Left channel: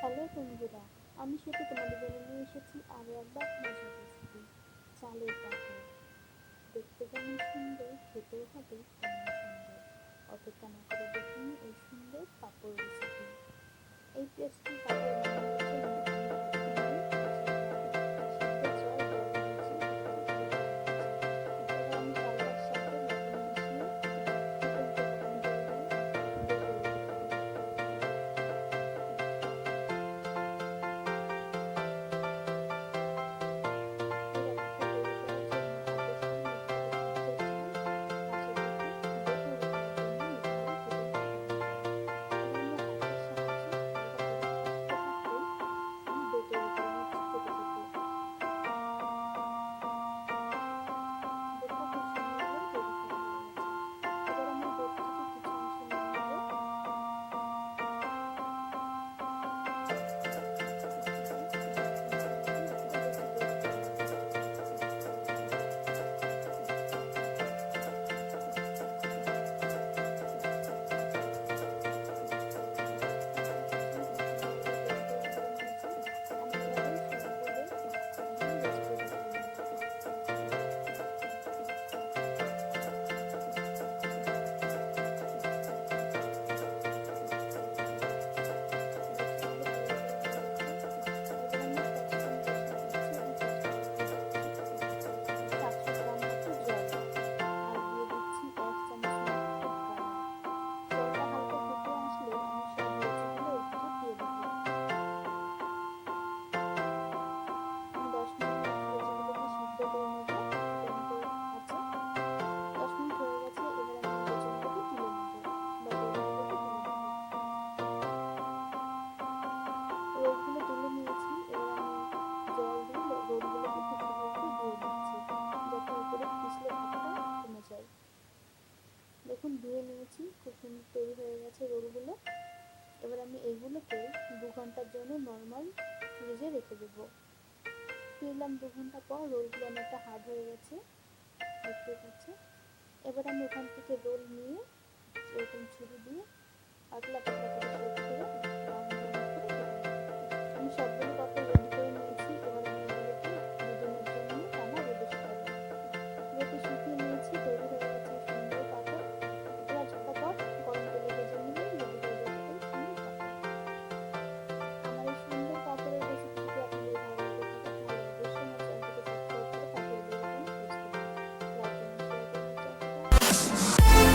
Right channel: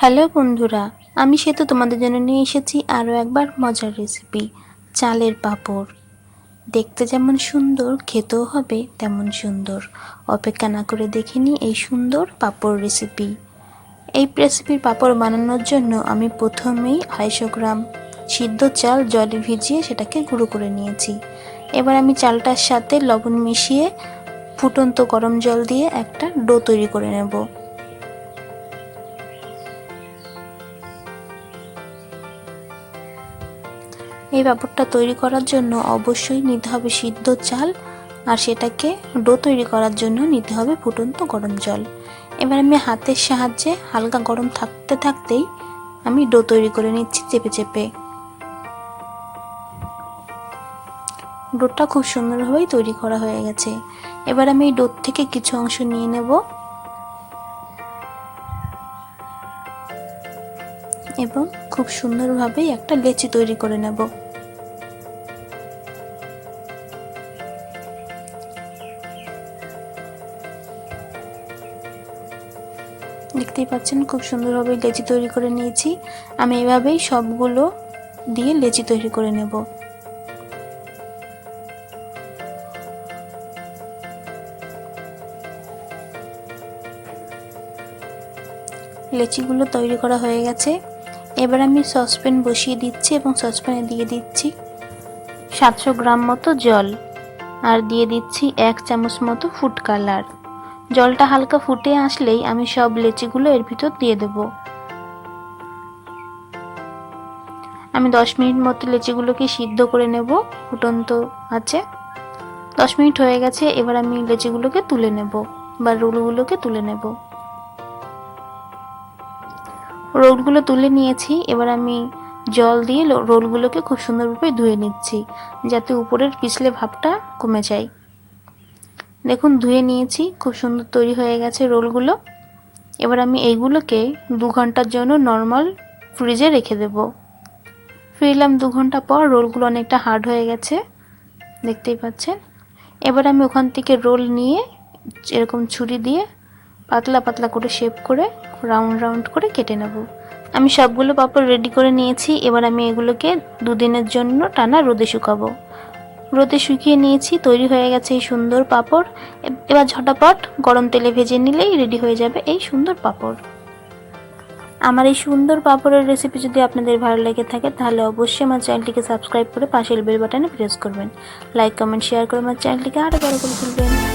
Hello বন্ধুরা, আমি সেতু তোমাদের জন্য নিয়ে এসেছি আরও একবার মজার রেসিপি চালের পাঁপড়। দেখতে যেমন সুন্দর, খেতেও হবে তেমন সুন্দর। অপেক্ষা না করে দেখে নিই এই সুন্দর পাঁপড় রেসিপি। এই রেসিপির পাঁপড় বানানোর জন্য আমি প্রথমেই 250 গ্রাম সিদ্ধ চাল জলে ভিজিয়ে সেটাকে গুঁড়ো করে নিয়েছি। এবার আমি চালটার সাথে লবণ মিশিয়ে ফুটন্ত গরম জল দিয়ে একটা ডো তৈরি করে নেব। এই পাঁপড়টা তৈরি করার জন্য অবশ্যই নিতে হবে সিদ্ধ চাল, আর সেটাকে ডো তৈরি করার জন্য নিতে হবে ফুটন্ত গরম জল। এবার আমি হাতের সাহায্যে হালকা গরম থাকতে থাকতেই আমি ডো তৈরি করে নিচ্ছি চেপে চেপে। ডোটা খুব সুন্দরভাবেই তৈরি করা হয়ে গেছে। এবার আমি এই ডো থেকে কিছু অংশ নিয়ে নেব এবং খুব সুন্দরভাবেই একটা লেচি তৈরি করে নেব। দেখতেই পাচ্ছেন খুব সুন্দরভাবে লেচি তৈরি করে নিয়েছি। আমি এভাবেই সবগুলো দিয়ে লেচি তৈরি করে নেব। লেচিগুলো তৈরি করা হয়ে গেছে। এবার আমি সসপ্যান বসিয়ে দিচ্ছি এবং সসপ্যানে দিয়ে দিচ্ছি 700 গ্রাম মতো জল, আর দিয়ে দিচ্ছি 1 চামচ মতো ফুড কালার। জলটা হালকা ফুটে আসলেই আমি সব লেচিগুলো এর ভিতর দিয়ে দেব। আমি 10 মিনিট মতো লেচিগুলোকে সিদ্ধ করে নেব ফুটন্ত আছে। 10 মিনিট হয়ে গেছে। এবার আমি লেচিগুলোকে তুলে নেব বা রোলগুলোকে তুলে নেব। রোলগুলো তুলে নিয়েছি। এবার আমি জল দিয়ে রোলগুলোকে খুব সুন্দরভাবে ধুয়ে নিচ্ছি, যাতে উপরের পিছলে ভাবটা কমে যায়। দেখুন ধুয়ে নিয়েছি, খুব সুন্দর তৈরি হয়ে গেছে রোলগুলো। এবার আমি এইগুলোকে 2 ঘন্টার জন্য নর্মাল ফ্রিজে রেখে দেব। ফিরলাম 2 ঘন্টা পর। রোলগুলো অনেকটা হার্ড হয়ে গেছে, দেখতেই পাচ্ছেন। এবার আমি ওখান থেকে রোল নিয়ে এরকম ছুরি দিয়ে পাতলা পাতলা করে শেপ করে রাউন্ড রাউন্ড করে কেটে নেব। আমি সবগুলো পাঁপড় রেডি করে নিয়েছি। এবার আমি এগুলোকে 2 দিনের জন্য টানা রোদে শুকাবো। রোদে শুকিয়ে নিয়েছি, তৈরি হয়ে গেছে এই সুন্দর পাঁপড়। এবার ঝটাপট গরম তেলে ভেজে নিলেই রেডি হয়ে যাবে এই সুন্দর পাঁপড়। আমার এই সুন্দর পাঁপড়ের রেসিপি যদি আপনাদের ভালো লেগে থাকে তাহলে অবশ্যই আমার চ্যানেলটিকে সাবস্ক্রাইব করে পাশের বেল বাটনে প্রেস করবেন। লাইক কমেন্ট শেয়ার করে আমার চ্যানেলটিকে আরও বড় করে তুলবেন।